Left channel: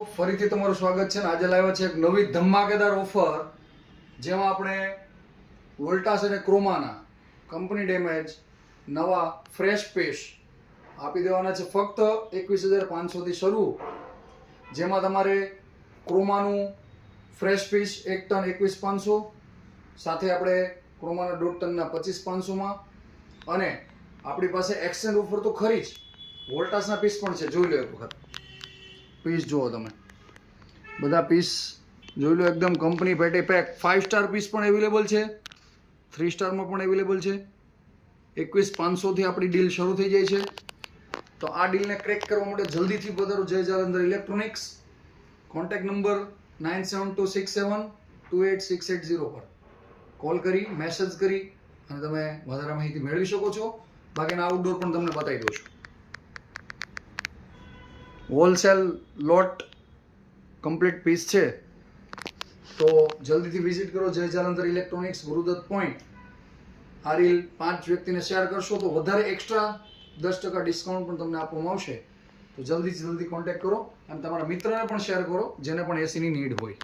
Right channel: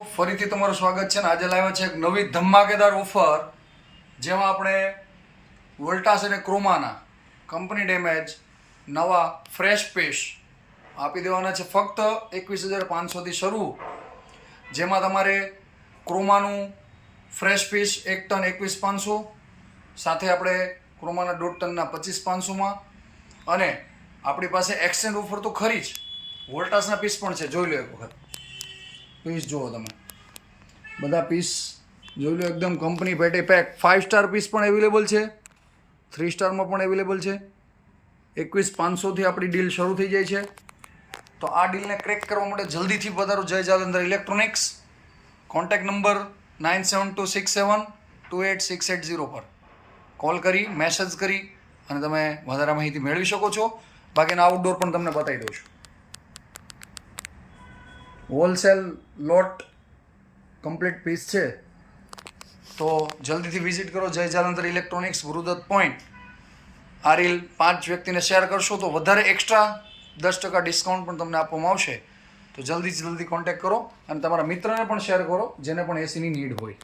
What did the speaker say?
ફરીથી તમારું સ્વાગત છે ને આજે લાવ્યા છે એક નવી ધમાકેદાર ઓફર જેમાં આપણે વોલ્ટાસ અને ક્રોમાના કંપની ડેમેજ નવા ફ્રેશ પીસ આપી દેવાના છે ફક્ત 21,500થી શરૂ, જેમાં તમારે ક્રોમાનું ફ્રેશ પીસ 1 ટન 21,500 સાથે આપણે ક્રોમાના 1.5 ટનના 25,500માં, અને આપણી પાસે એક્સચેન્જ ઓફર તો ખરી જ, વોલ્ટાસના પીસ પણ છે. જોઈ લો એક વખત પીસ, જુઓ તમે બધા પીસ જોઈ લો, એકદમ કંપની પેટે પેક. 5 સ્ટાર પીસ પણ અવેલેબલ છે, 3 સ્ટારમાં પણ અવેલેબલ છે. 21,500થી આપણી ડીલ શરૂ થઈ જાય છે. તો આ ડીલને ક્રેક કરવા માટે જલ્દીથી પધારો જય જાલંધર ઇલેક્ટ્રોનિક્સ. કોન્ટેક્ટ નંબર 9726728680 પર કોલ કરી મેસેજ કરી અને તમે વધારે માહિતી મેળવી શકો છો. બાકીના આઉટડોર પણ તમને બતાવી દઉં છું. હોલસેલ લોટ કમ્પ્લીટ પીસ છે, તો જલ્દીથી વિઝિટ કરો જય જાલંધર ઇલેક્ટ્રોનિક્સ, ગુરુદત્ત પોઈન્ટ. આ રીલ 5 વ્યક્તિને શેર કરશો તો વધારે એક્સ્ટ્રા 10% ડિસ્કાઉન્ટ પણ તમને આપવામાં આવશે. તો જલ્દીથી જલ્દી કોન્ટેક્ટ કરો અને તમારા મિત્રને પણ શેર કરો જેને પણ એસીની નીડ હોય.